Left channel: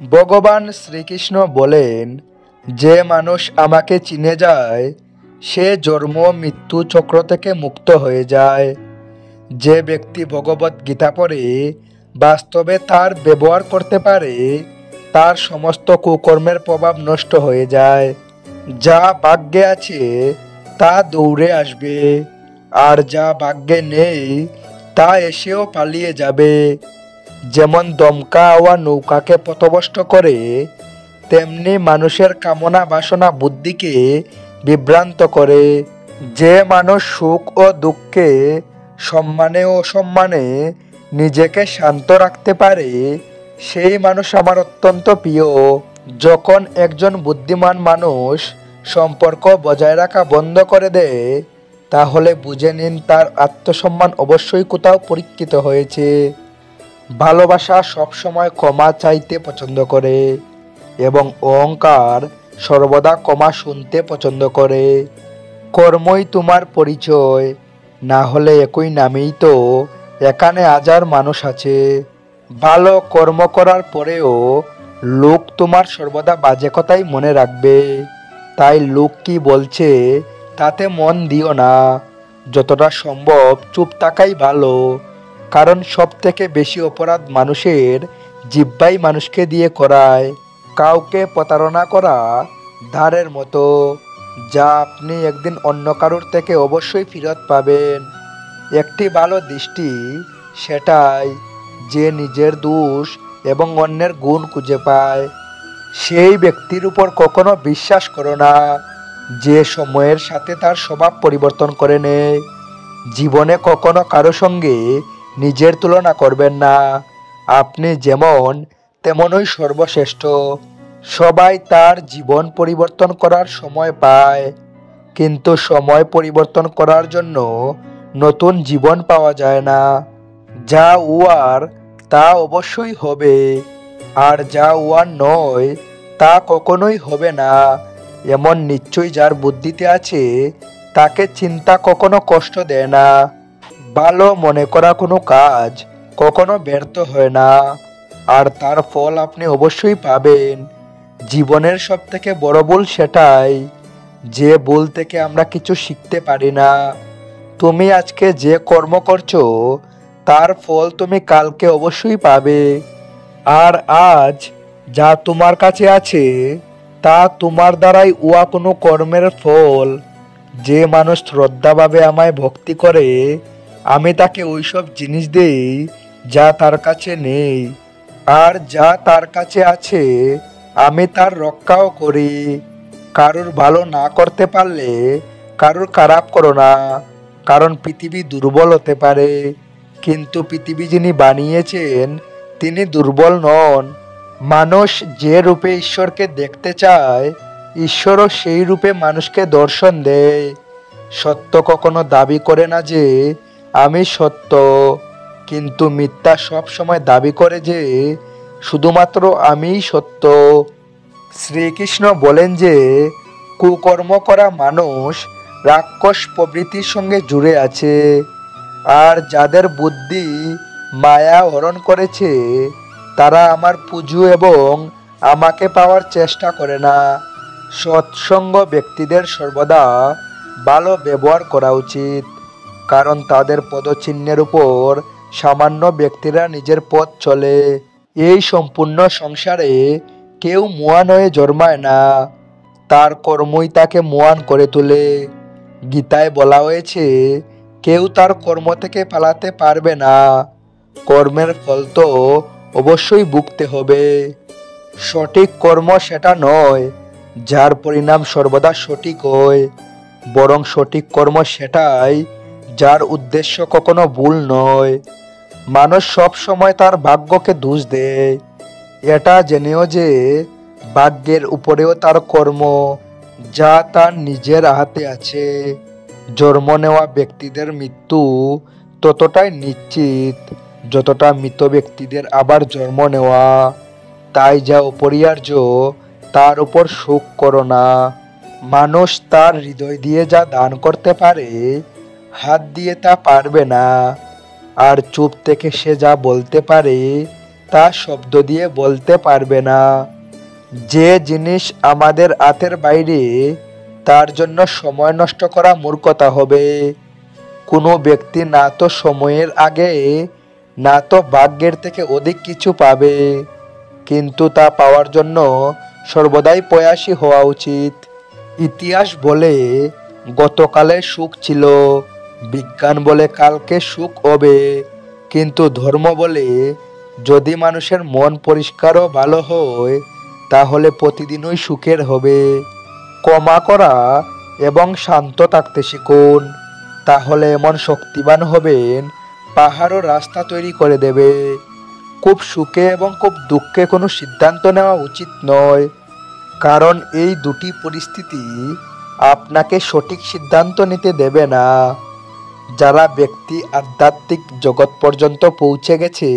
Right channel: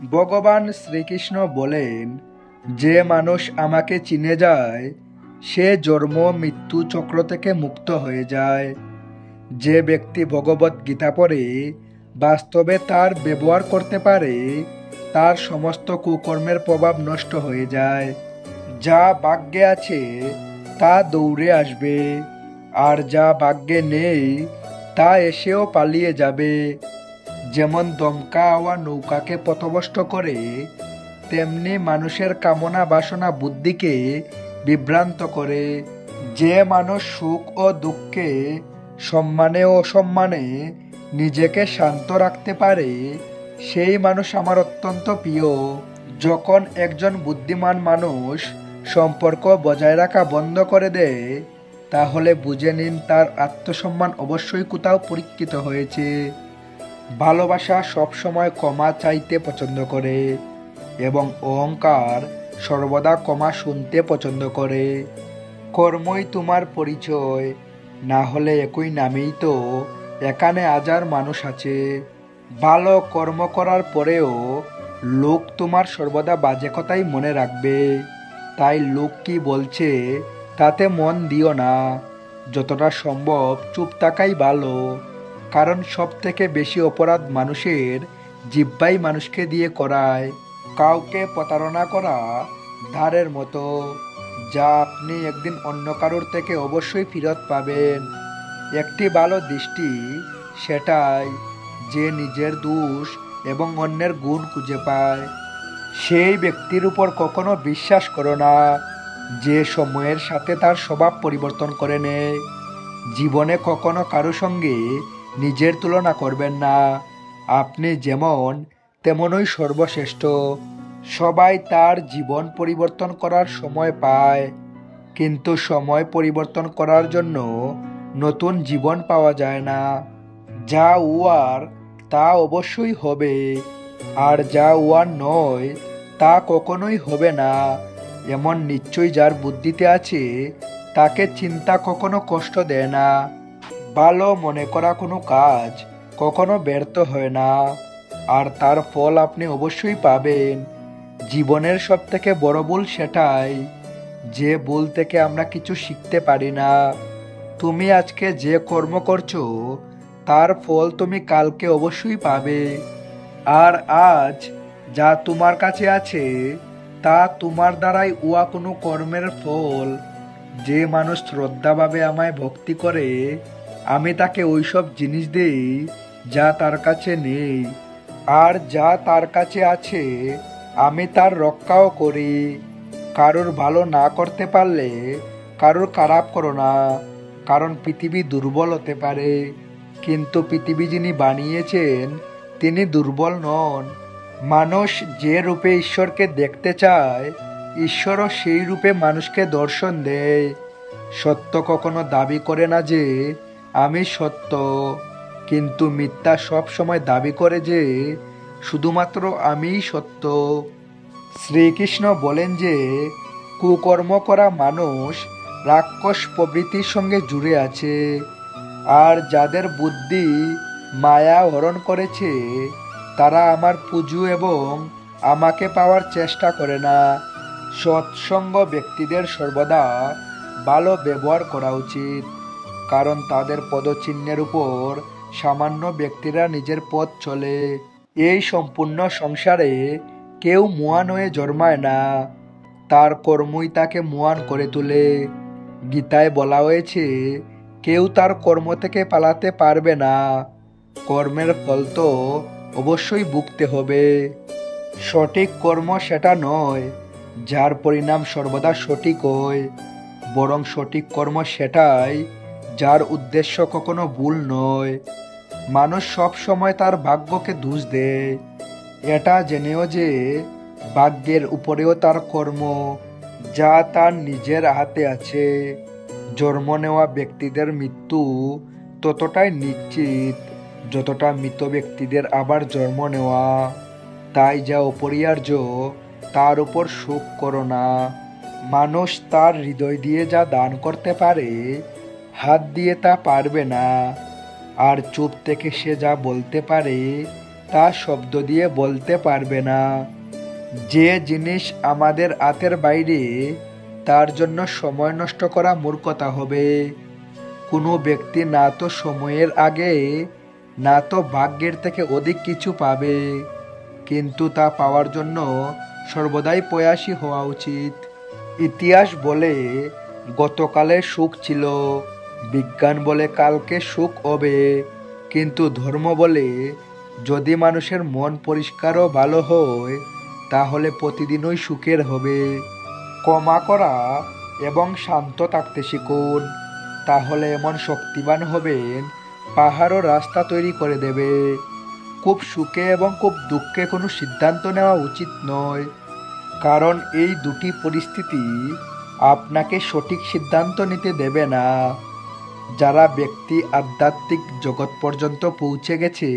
ভগবান শ্রীকৃষ্ণ বলেন, যে মানুষ আমাকে চিনে যায় সে জন্ম মৃত্যু চক্র থেকে মুক্ত হয়ে যায়। যে ব্যক্তি ভগবত গীতা পড়ে বাস্তবে তার ব্যবহার করতে পারে তার সমস্ত কুকর্মের প্রভাব নষ্ট হয়ে যায়। যা ভাগ্যে আছে তা দৌড়ে আসবে, আর যা ভাগ্যে নেই তা এসেও পালিয়ে যাবে। যেমন দমকা হাওয়া নৌকাকে পথভ্রষ্ট করে, তেমনি মানুষের কামনা বাসনা বুদ্ধিকে বিভ্রান্ত করে। যে মানুষ সুখ ও দুঃখে, সম্মানে ও অসম্মানে নিজেকে শান্ত রাখতে পারে সেই মানুষ আমার অত্যন্ত প্রিয়। যখন একজন বুদ্ধিমান মানুষ সম্পর্ক বজায় রাখা বন্ধ করে দেয় তাহলে বুঝে নিন তার আত্মসম্মান অবশ্যই কোথাও পরীক্ষিত হয়েছে। ভালোবাসা সবসময় ক্ষমা চাইতে পছন্দ করে এবং অহংকার সর্বদা ক্ষমা শুনতে পছন্দ করে। কর্মই তোমার পরিচয়, না হলে একই নামেই তো এখানে হাজার মানুষ আছে। ভালো কর্ম করার পরেও লোক তোমার সর্বদা বাজে কথাই মনে রাখবে, তাই লোক কি বলছে তাতে মন দিও না। যতটা সম্ভব চুপ থাকাই ভালো, কারণ সব থেকে বেশি অপরাধ মানুষের জিহ্বাই মানুষকে দিয়ে করায়। কাউকে প্রতারণা করা ধারের মতো, যা আপনি একদিন অন্য কারোর থেকে অবশ্যই ফেরত পাবেন। একটি ভালো দৃষ্টি সেটাই যে নিজের দোষ এবং অন্যের গুণ খুঁজে পায়। সেই ব্যক্তির উপর কখনো বিশ্বাস করো না যে সময়ের সাথে তার স্বভাব পরিবর্তন করে নেয়। জীবনে কখনো কারো সঙ্গে নিজের তুলনা করবেন না। আপনি যেমন তেমনই সর্বশ্রেষ্ঠ। সবাই তার জীবন পরিবর্তন করার সময় পায়, কিন্তু সময় পরিবর্তন করার জন্য নতুন জীবন পাওয়া যায় না। যা উয়ার তা অবশ্যই হবে, আর যা উয়ার নয় তা কখনোই হবে না। এমন নিশ্চয়ই যার বুদ্ধিতে আছে তাকে চিন্তা কখনো কষ্ট দেয় না। ভালো মনে করা কোনো কাজ কখনো ব্যর্থ হয় না, আর তার ফল আপনি অবশ্যই পাবেন। জীবনের সব থেকে বড় ভুল সেটাই যে ভুল থেকে আমরা কিছু শিখতে পারি না। তুমি আজকে যে কর্ম করছো তার ফল তুমি কালকে অবশ্যই পাবে, আর আজ যা তোমার কাছে আছে তা তোমার দ্বারাই উহা কোনো কর্মের ফল। যে মানুষ শ্রদ্ধাভাবে আমায় ভক্তি করে আমি তাকে ওইসব জিনিস দেই যা তার কাছে নেই, আর যা তার কাছে আছে আমি তার রক্ষাও করি। কারোর ভালো না করতে পারলে কারোর খারাপ করো না, কারণ পৃথিবী দুর্বল হতে পারে, কিন্তু পৃথিবী যিনি বানিয়েছেন তিনি দুর্বল নন। মানুষ যে রূপে ঈশ্বরকে দেখতে চায় ঈশ্বরও সেই রূপে মানুষকে দর্শন দেয়। সত্য কখনো দাবি করে না যে আমি সত্য, কিন্তু মিথ্যা সব সময় দাবি করে যে শুধুমাত্র আমিই সত্য। শ্রীকৃষ্ণ বলেন যে কুকর্ম করা মানুষ রাক্ষস প্রবৃত্তির সঙ্গে জুড়ে আছে, আর যাদের বুদ্ধি মায়া হরণ করেছে তারা আমার পুজো এবং আমাকে পাওয়ার চেষ্টা করে না। সৎসঙ্গ ব্যক্তিদের সর্বদা ভালো ব্যবহার করা উচিত, কারণ তাদের পদচিহ্নের উপর সামান্য ব্যক্তিরা নিজের পথ চলে। এই সম্পূর্ণ সংসারে কেউ মহান হয়ে জন্মায় না, তার কর্মই তাকে মহান করে তোলে। গীতায় বলা হয়েছে কেউ তার কর্ম থেকে পালাতে পারবে না, কর্মের ফল তো অবশ্যই ভুগতে হবে। সঠিক কর্ম সেটা নয় যার পরিণাম সর্বদা সঠিক হয়, বরং সঠিক কর্ম সেটাই যার উদ্দেশ্য কখনো ভুল নয়। মানুষ সব সময় তার ভাগ্যকে দোষ দেয়, এটা জেনেও যে ভাগ্যের উপরেও তার কর্ম, যা তার নিজের হাতে আছে। জন্ম নেওয়া ব্যক্তিদের মৃত্যু ততটাই নিশ্চিত যতটা মৃত ব্যক্তিদের আবার জন্ম নেওয়া। তাই যা অপরিহার্য তার উপর শোক করো না। মানুষ তার হৃদয় দিয়ে যা দান করতে পারে হাত দিয়ে তা পারবে না, আর চুপ থেকে সে যা বলতে পারে তা শব্দ দিয়ে বলতে পারবে না। যে জিনিস আমাদের হাতের বাইরে, তার জন্য সময় নষ্ট করা মূর্খতা হবে। কোনো ব্যক্তি না তো সময়ের আগে, না তো ভাগ্যের থেকে অধিক কিছু পাবে, কিন্তু তা পাওয়ার জন্য সর্বদাই প্রয়াসী হওয়া উচিত। ইতিহাস বলে গতকালে সুখ ছিল, বিজ্ঞান বলে কালকে সুখ হবে, কিন্তু ধর্ম বলে যদি মানুষের মন পরিষ্কার ও ভালো হয় তাহলে প্রতিদিনই সুখের হবে। ক্ষমা করা এবং শান্ত থাকতে শিখুন, তাহলে এমন শক্তিবান হবেন পাহাড়ও রাস্তা তৈরি করে দেবে। খুব সুখে এবং খুব দুঃখে কোনো সিদ্ধান্ত নেওয়া উচিত নয়, কারণ এই দুটি পরিস্থিতি আপনাকে সঠিক সিদ্ধান্ত নিতে দেবে না। যারা ব্যক্তি আধ্যাত্মিক জগৎ পর্যন্ত পৌঁছে গেছে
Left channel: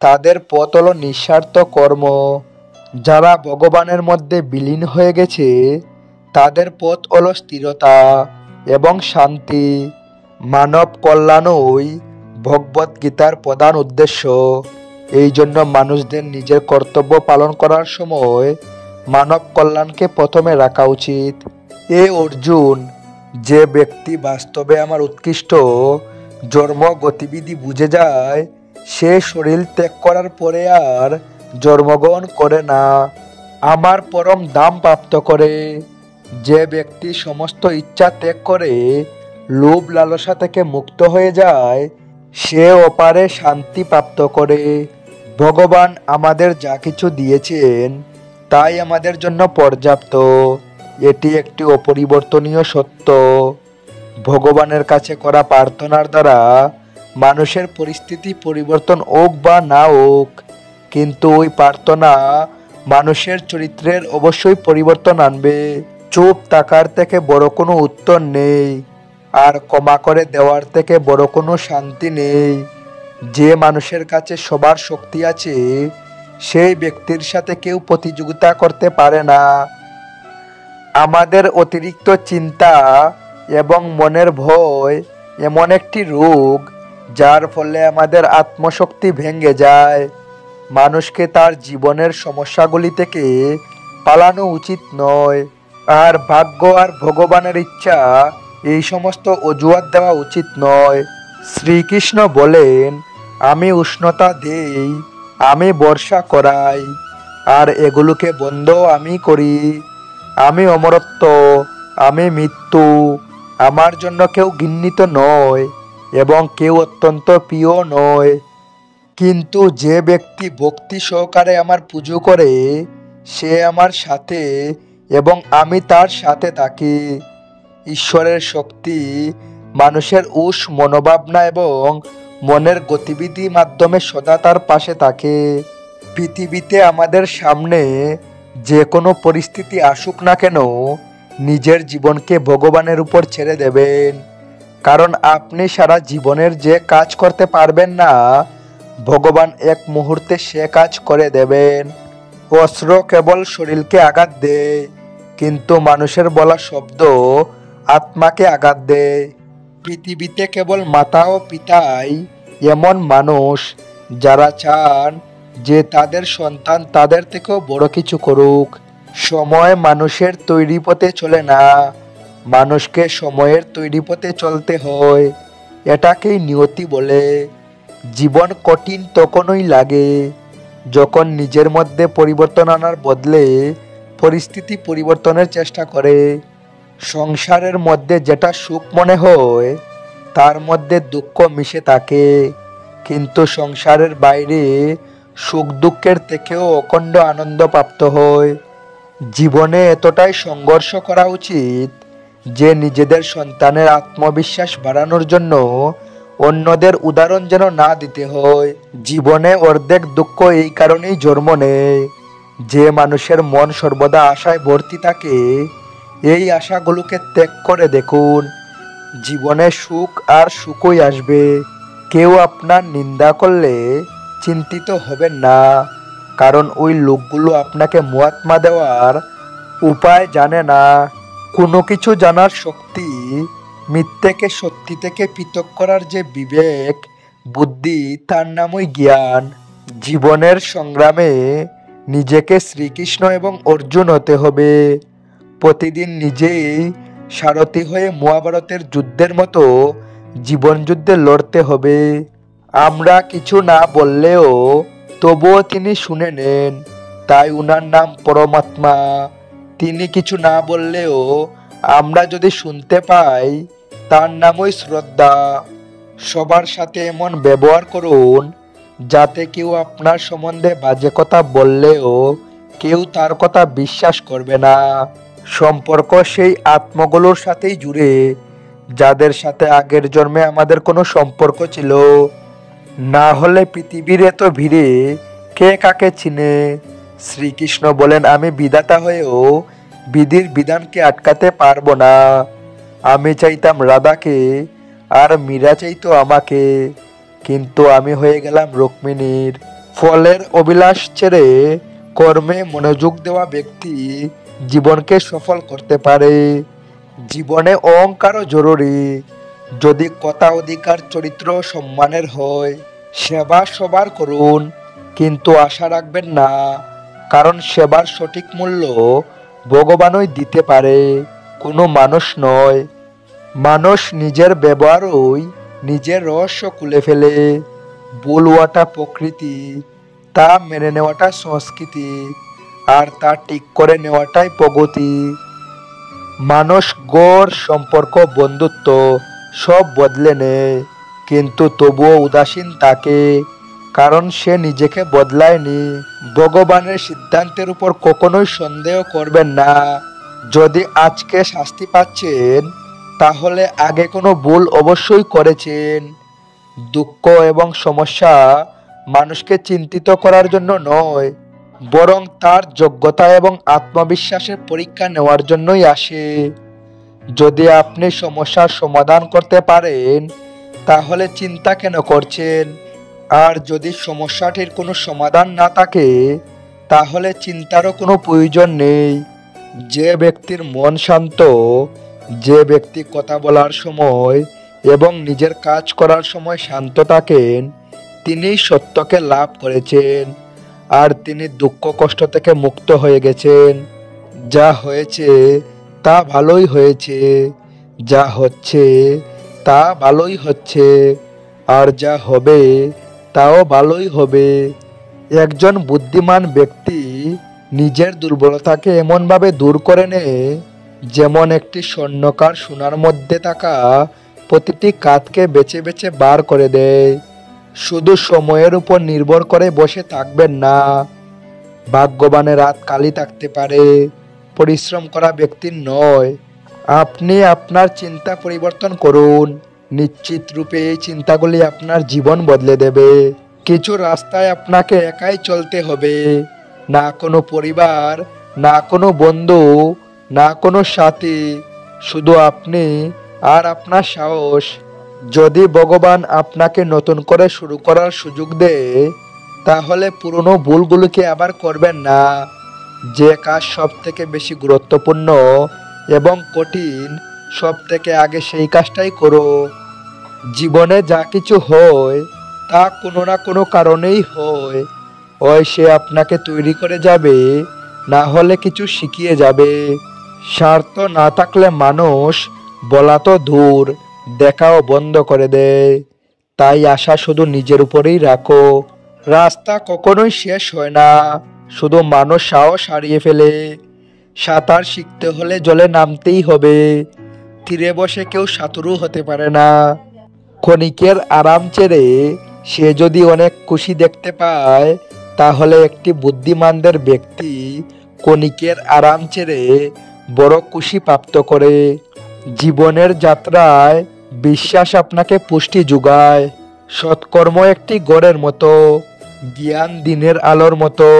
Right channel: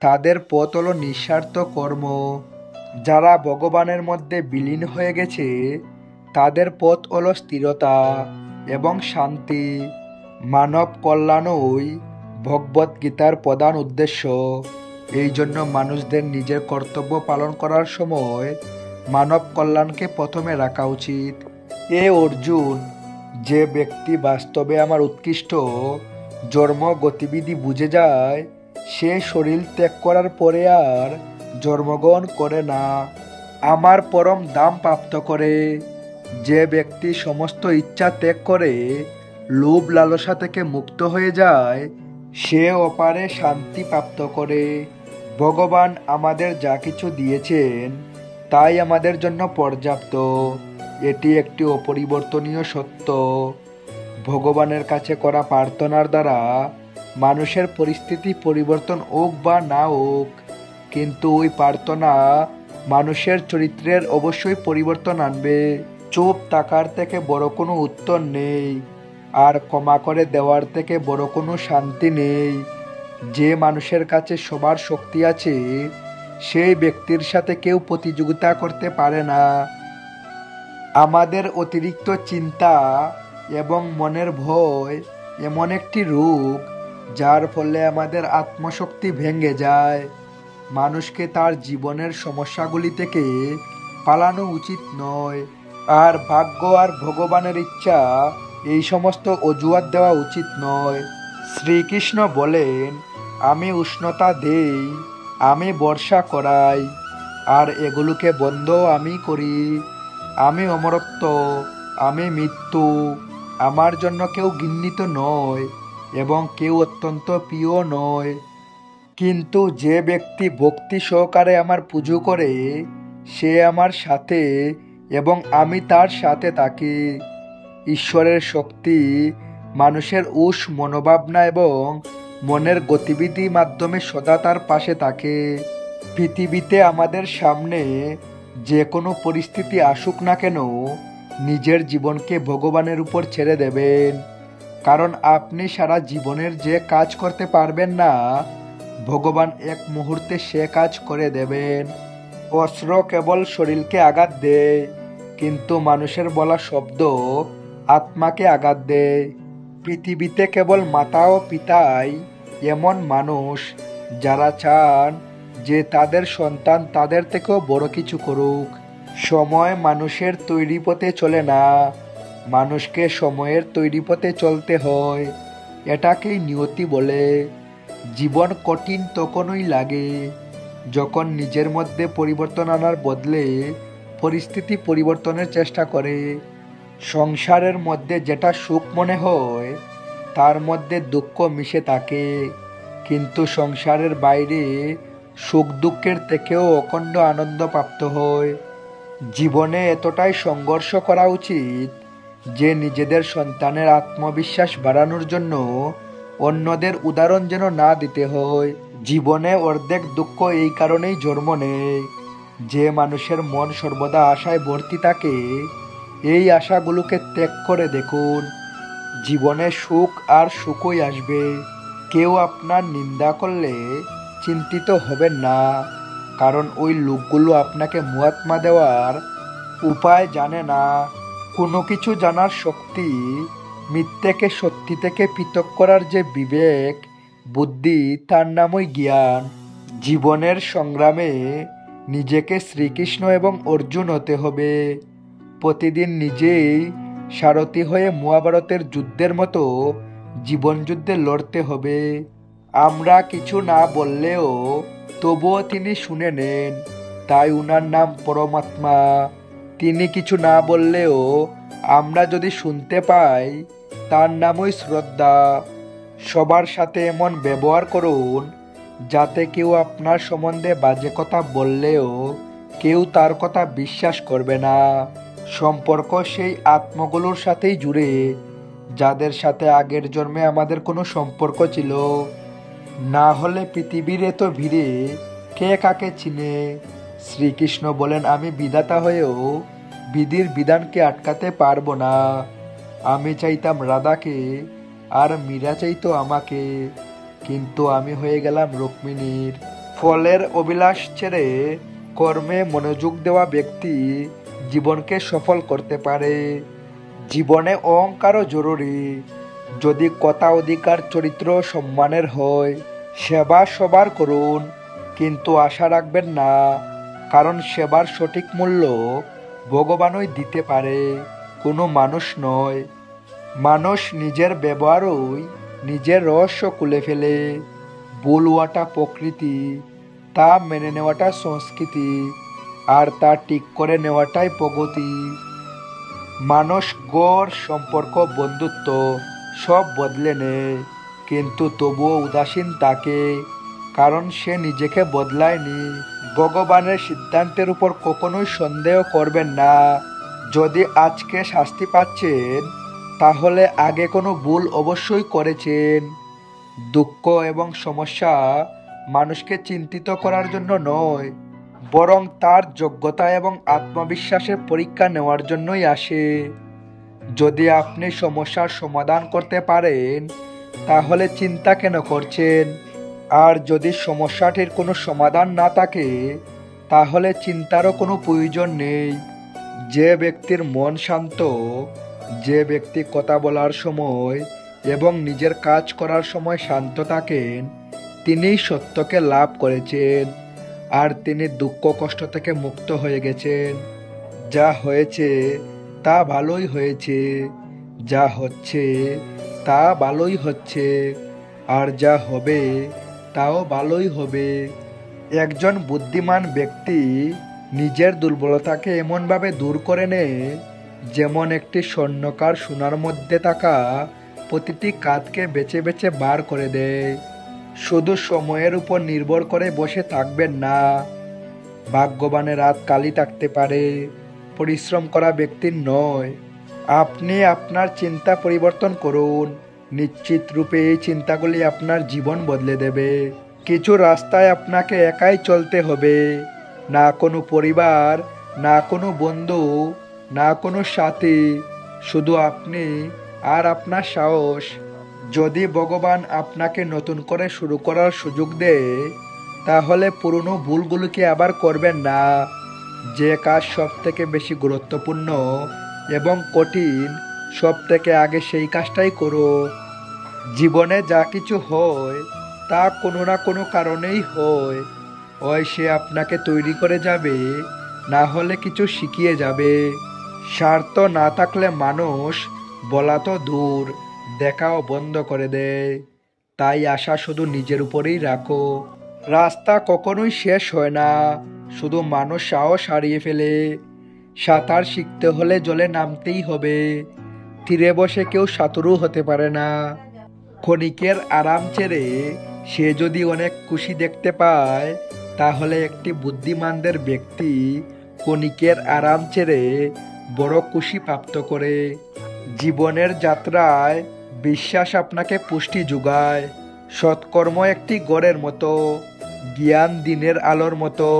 তাদের পথ হলো নিঃস্বার্থ কর্ম। যারা ভগবানের মধ্যে বিলীন হয়ে গেছে তাদের পথ হলো স্থিরতা এবং শান্তি। মানব কল্যাণই ভগবদ্গীতার প্রধান উদ্দেশ্য। এই জন্য মানুষদের নিজের কর্তব্য পালন করার সময় মানব কল্যাণকে প্রথমে রাখা উচিত। এ অর্জুন, যে ব্যক্তি বাস্তবে আমার উৎকৃষ্ট জন্ম গতিবিধি বুঝে যায় সে শরীর ত্যাগ করার পরে আর জন্মগ্রহণ করে না, আমার পরম ধাম প্রাপ্ত করে। যে ব্যক্তি সমস্ত ইচ্ছা ত্যাগ করে লোভ লালসা থেকে মুক্ত হয়ে যায় সে অপারে শান্তি প্রাপ্ত করে। ভগবান আমাদের যা কিছু দিয়েছেন তাই আমাদের জন্য পর্যাপ্ত, এটি একটি অপরিবর্তনীয় সত্য। ভগবানের কাছে করা প্রার্থনার দ্বারা মানুষের পরিস্থিতি পরিবর্তন হোক বা না হোক, কিন্তু ওই প্রার্থনা মানুষের চরিত্রের অবশ্যই পরিবর্তন আনবে। চুপ থাকার থেকে বড় কোনো উত্তর নেই, আর ক্ষমা করে দেওয়ার থেকে বড় কোনো শান্তি নেই। যে মানুষের কাছে সবার শক্তি আছে সেই ব্যক্তির সাথে কেউ প্রতিযোগিতা করতে পারে না। আমাদের অতিরিক্ত চিন্তা এবং মনের ভয় এমন একটি রোগ যার ফলে আমাদের আত্মশক্তি ভেঙে যায়। মানুষকে তার জীবনের সমস্যাগুলি থেকে পালানো উচিত নয়, আর ভাগ্য আর ভগবানের ইচ্ছা এই সমস্ত অজুহাত দেওয়া উচিত নয়। শ্রীকৃষ্ণ বলেন, আমি উষ্ণতা দেই, আমি বর্ষা করাই, আর এগুলোকে বন্ধ আমি করি। আমি অমরত্ব, আমি মৃত্যু, আমার জন্য কেউ ঘৃণিত নয় এবং কেউ অত্যন্ত প্রিয় নয়। কিন্তু যে ব্যক্তি ভক্তি সহকারে আমার পুজো করে সে আমার সাথে এবং আমি তার সাথে থাকি। ঈশ্বরের শক্তি মানুষের মনোভাবনা এবং মনের গতিবিধির মাধ্যমে সদা তার পাশে থাকে। পৃথিবীতে আমাদের সামনে যে কোনো পরিস্থিতি আসুক না কেন নিজের জীবনকে ভগবানের উপর ছেড়ে দেবেন, কারণ আপনি সারা জীবনের যে কাজ করতে পারবেন না ভগবান এক মুহূর্তে সে কাজ করে দেবেন। অস্ত্র কেবল শরীরকে আঘাত দেয়, কিন্তু মানুষের বলা শব্দ আত্মাকে আঘাত দেয়। পৃথিবীতে কেবল মাতা ও পিতাই এমন মানুষ যারা চান যে তাদের সন্তান তাদের থেকেও বড় কিছু করুক। সময় মানুষের তৈরি পথে চলে না, মানুষকে সময়ের তৈরি পথে চলতে হয়। এটাকেই নিয়তি বলে। জীবন কঠিন তখনই লাগে যখন নিজের মধ্যে পরিবর্তন আনার বদলে পরিস্থিতি পরিবর্তনের চেষ্টা করে। সংসারের মধ্যে যেটা সুখ মনে হয় তার মধ্যে দুঃখ মিশে থাকে, কিন্তু সংসারের বাইরে সুখ দুঃখের থেকেও অখণ্ড আনন্দ প্রাপ্ত হয়। জীবনে এতটাই সংঘর্ষ করা উচিত যে নিজেদের সন্তানের আত্মবিশ্বাস বাড়ানোর জন্য অন্যদের উদাহরণ যেন না দিতে হয়। জীবনে অর্ধেক দুঃখ এই কারণেই জন্ম নেয় যে মানুষের মন সর্বদা আশায় ভর্তি থাকে এই আশাগুলোকে ত্যাগ করে দেখুন, জীবনে সুখ আর সুখই আসবে। কেউ আপনার নিন্দা করলে চিন্তিত হবেন না, কারণ ওই লোকগুলো আপনাকে মহাত্মা দেওয়ার উপায় জানে না। কোনো কিছু জানার শক্তি, মিথ্যেকে সত্যি থেকে পৃথক করার যে বিবেক বুদ্ধি, তার নামই জ্ঞান। জীবনের সংগ্রামে নিজেকে শ্রীকৃষ্ণ এবং অর্জুন হতে হবে। প্রতিদিন নিজেই সারথি হয়ে মহাভারতের যুদ্ধের মতো জীবন যুদ্ধে লড়তে হবে। আমরা কিছু না বললেও তবুও তিনি শুনে নেন, তাই উনার নাম পরমাত্মা। তিনি কিছু না বললেও আমরা যদি শুনতে পাই, তার নামই শ্রদ্ধা। সবার সাথে এমন ব্যবহার করুন যাতে কেউ আপনার সম্বন্ধে বাজে কথা বললেও কেউ তার কথা বিশ্বাস করবে না। সম্পর্ক সেই আত্মগুলোর সাথেই জুড়ে যাদের সাথে আগের জন্মে আমাদের কোনো সম্পর্ক ছিল। না হলে পৃথিবীর এত ভিড়ে কে কাকে চিনে। শ্রীকৃষ্ণ বলেন, আমি বিধাতা হয়েও বিধির বিধানকে আটকাতে পারবো না। আমি চাইতাম রাধাকে আর মীরা চাইতো আমাকে, কিন্তু আমি হয়ে গেলাম রুক্মিণীর। ফলের অভিলাষ ছেড়ে কর্মে মনোযোগ দেওয়া ব্যক্তি জীবনকে সফল করতে পারে। জীবনে অহংকারও জরুরি। যদি কথা, অধিকার, চরিত্র সম্মানের হয়, সেবা সবার করুন, কিন্তু আশা রাখবেন না, কারণ সেবার সঠিক মূল্য ভগবানই দিতে পারে, কোনো মানুষ নয়। মানুষ নিজের ব্যবহারই নিজের রহস্য খুলে ফেলে। ভুল হওয়াটা প্রকৃতি, তা মেনে নেওয়াটা সংস্কৃতি, আর তা ঠিক করে নেওয়াটাই প্রগতি। মানুষ গড়, সম্পর্ক, বন্ধুত্ব সব বদলে নেয়, কিন্তু তবুও উদাসীন থাকে, কারণ সে নিজেকে বদলায়নি। ভগবানের সিদ্ধান্তের উপর কখনোই সন্দেহ করবেন না। যদি আজকে শাস্তি পাচ্ছেন, তাহলে আগে কোনো ভুল অবশ্যই করেছেন। দুঃখ এবং সমস্যা মানুষকে চিন্তিত করার জন্য নয়, বরং তার যোগ্যতা এবং আত্মবিশ্বাসের পরীক্ষা নেওয়ার জন্যই আসে। যদি আপনি সমস্যার সমাধান করতে পারেন, তাহলে চিন্তা কেন করছেন? আর যদি সমস্যাটির কোনো সমাধান না থাকে, তাহলে চিন্তারও কোনো প্রয়োজন নেই। যে ব্যক্তির মন শান্ত, যে ব্যক্তি কথা বলার সময় এবং নিজের কাজ করার সময় শান্ত থাকেন, তিনিই সত্যকে লাভ করেছেন, আর তিনি দুঃখ কষ্ট থেকে মুক্ত হয়ে গেছেন। যা হয়েছে তা ভালোই হয়েছে, যা হচ্ছে তা ভালোই হচ্ছে, আর যা হবে তাও ভালোই হবে। একজন বুদ্ধিমান ব্যক্তি নিজের দুর্বলতাকে এমনভাবে দূর করে নেয়, যেমন একটি স্বর্ণকার সোনার মধ্যে থাকা প্রতিটি কাঠকে বেছে বেছে বার করে দেয়। শুধু সময়ের উপর নির্ভর করে বসে থাকবেন না। ভাগ্যবানের হাত খালি থাকতে পারে, পরিশ্রম করা ব্যক্তির নয়। আপনি আপনার চিন্তা পরিবর্তন করুন, নিশ্চিত রূপে এই চিন্তাগুলি আপনার জীবন বদলে দেবে। কিছু রাস্তায় আপনাকে একাই চলতে হবে, না কোনো পরিবার, না কোনো বন্ধু, না কোনো সাথী, শুধু আপনি আর আপনার সাহস। যদি ভগবান আপনাকে নতুন করে শুরু করার সুযোগ দেয়, তাহলে পুরনো ভুলগুলোকে আবার করবেন না। যে কাজ সব থেকে বেশি গুরুত্বপূর্ণ এবং কঠিন, সব থেকে আগে সেই কাজটাই করো। জীবনে যা কিছু হয় তা কোনো না কোনো কারণেই হয়। হয় সে আপনাকে তৈরি করে যাবে, না হলে কিছু শিখিয়ে যাবে। স্বার্থ না থাকলে মানুষ বলা তো দূর, দেখাও বন্ধ করে দেয়। তাই আশা শুধু নিজের উপরেই রাখো। রাস্তা কখনোই শেষ হয় না, শুধু মানুষ সাহস হারিয়ে ফেলে। সাঁতার শিখতে হলে জলে নামতেই হবে, তীরে বসে কেউ সাঁতারু হতে পারে না। ক্ষণিকের আরাম ছেড়ে সে যদি অনেক খুশি দেখতে পায়, তাহলে একটি বুদ্ধিমানদের ব্যক্তি ক্ষণিকের আরাম ছেড়ে বড় খুশি প্রাপ্ত করে। জীবনের যাত্রায় বিশ্বাস আপনাকে পুষ্টি যোগায়। সৎকর্ম একটি গড়ের মতো, জ্ঞান দিনের আলোর মতো,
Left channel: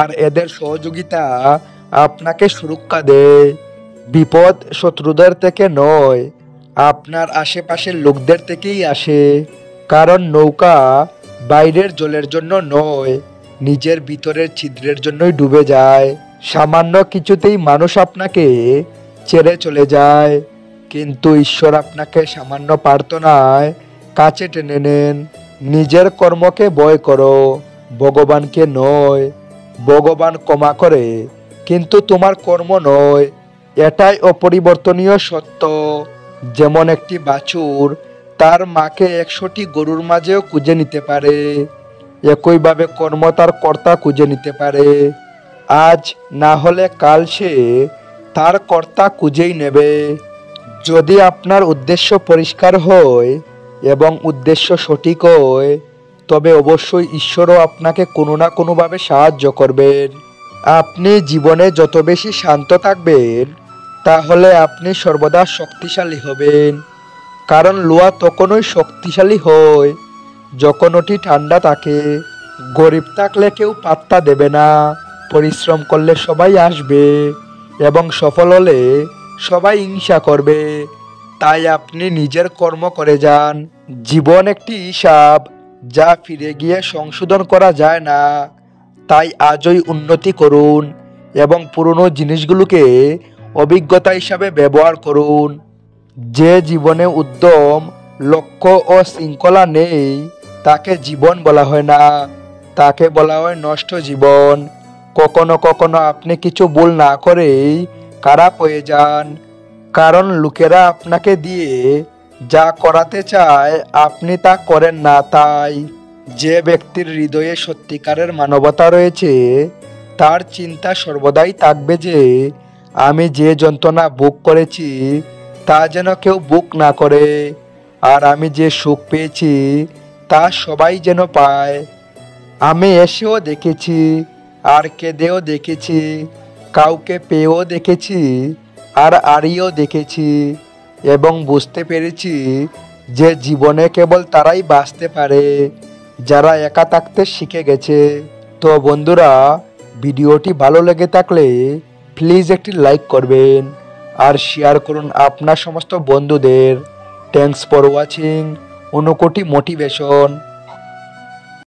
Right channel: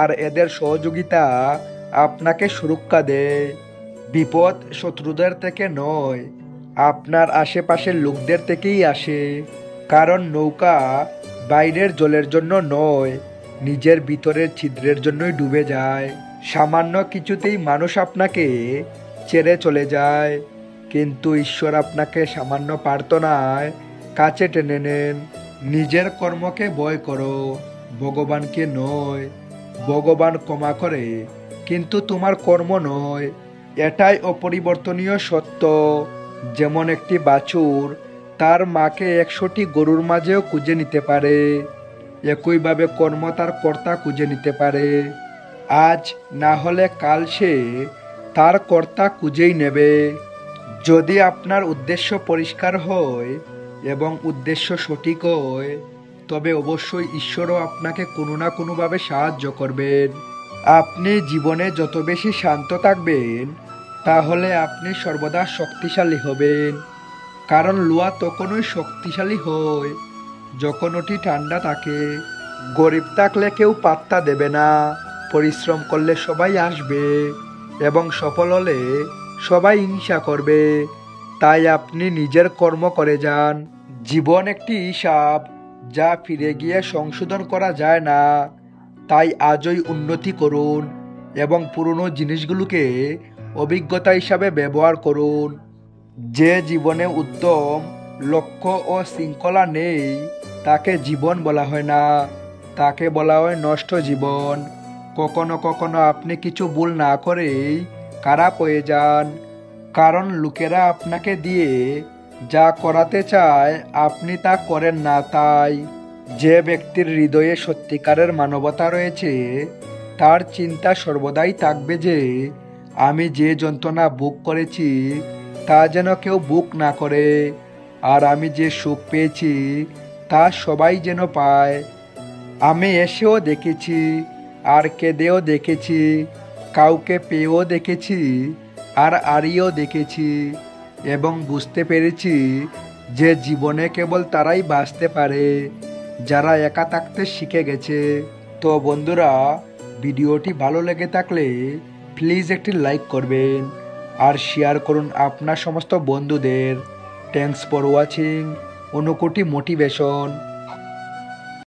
আর এদের সহযোগিতা আপনাকে সুরক্ষা দেয়। বিপদ শত্রুদের থেকে নয়, আপনার আশেপাশের লোকদের থেকেই আসে। কারণ নৌকা বাইরের জলের জন্য নয়, নিজের ভিতরের ছিদ্রের জন্যই ডুবে যায়। সামান্য কিছুতেই মানুষ আপনাকে ছেড়ে চলে যায়, কিন্তু ঈশ্বর আপনাকে সামান্য প্রার্থনায় কাছে টেনে নেন। নিজের কর্মকে ভয় করো, ভগবানকে নয়। ভগবান ক্ষমা করে, কিন্তু তোমার কর্ম নয়। এটাই অপরিবর্তনীয় সত্য। যেমন একটি বাছুর তার মাকে 100টি গরুর মাঝেও খুঁজে নিতে পারে, একইভাবে কর্ম তার কর্তা খুঁজে নিতে পারে। আজ না হলে কাল সে তার কর্তা খুঁজেই নেবে। যদি আপনার উদ্দেশ্য পরিষ্কার হয় এবং উদ্দেশ্য সঠিক হয়, তবে অবশ্যই ঈশ্বরও আপনাকে কোনো না কোনোভাবে সাহায্য করবেন। আপনি জীবনে যত বেশি শান্ত থাকবেন, তাহলে আপনি সর্বদা শক্তিশালী হবেন। কারণ লোহা তখনই শক্তিশালী হয় যখন ওটি ঠান্ডা থাকে। গরিব থাকলে কেউ পাত্তা দেবে না, পরিশ্রম করলে সবাই আসবে এবং সফল হলে সবাই হিংসা করবে। তাই আপনি নিজের কর্ম করে যান। জীবন একটি হিসাব, যা ফিরে গিয়ে সংশোধন করা যায় না। তাই আজই উন্নতি করুন এবং পুরনো জিনিসগুলোকে অভিজ্ঞতা হিসাবে ব্যবহার করুন। যে জীবনে উদ্যম, লক্ষ্য ও শৃঙ্খলা নেই, তাকে জীবন বলা হয় না, তাকে বলা হয় নষ্ট জীবন। কখনো কখনো আপনি কিছু ভুল না করেই খারাপ হয়ে যান, কারণ লোকেরা আপনাকে দিয়ে যা করাতে চায় আপনি তা করেন না। তাই যে ব্যক্তির হৃদয়ে সত্যিকারের মানবতা রয়েছে, তার চিন্তা সর্বদাই থাকবে যে আমি যে যন্ত্রণা ভোগ করেছি তা যেন কেউ ভোগ না করে, আর আমি যে সুখ পেয়েছি তা সবাই যেন পায়। আমি এসেও দেখেছি, আর কেঁদেও দেখেছি, কাউকে পেয়েও দেখেছি, আর হারিয়েও দেখেছি, এবং বুঝতে পেরেছি যে জীবনে কেবল তারাই বাঁচতে পারে যারা একা থাকতে শিখে গেছে। তো বন্ধুরা, ভিডিওটি ভালো লেগে থাকলে প্লিজ একটি লাইক করবেন আর শেয়ার করুন আপনার সমস্ত বন্ধুদের। Thanks for watching Unakoti motivation.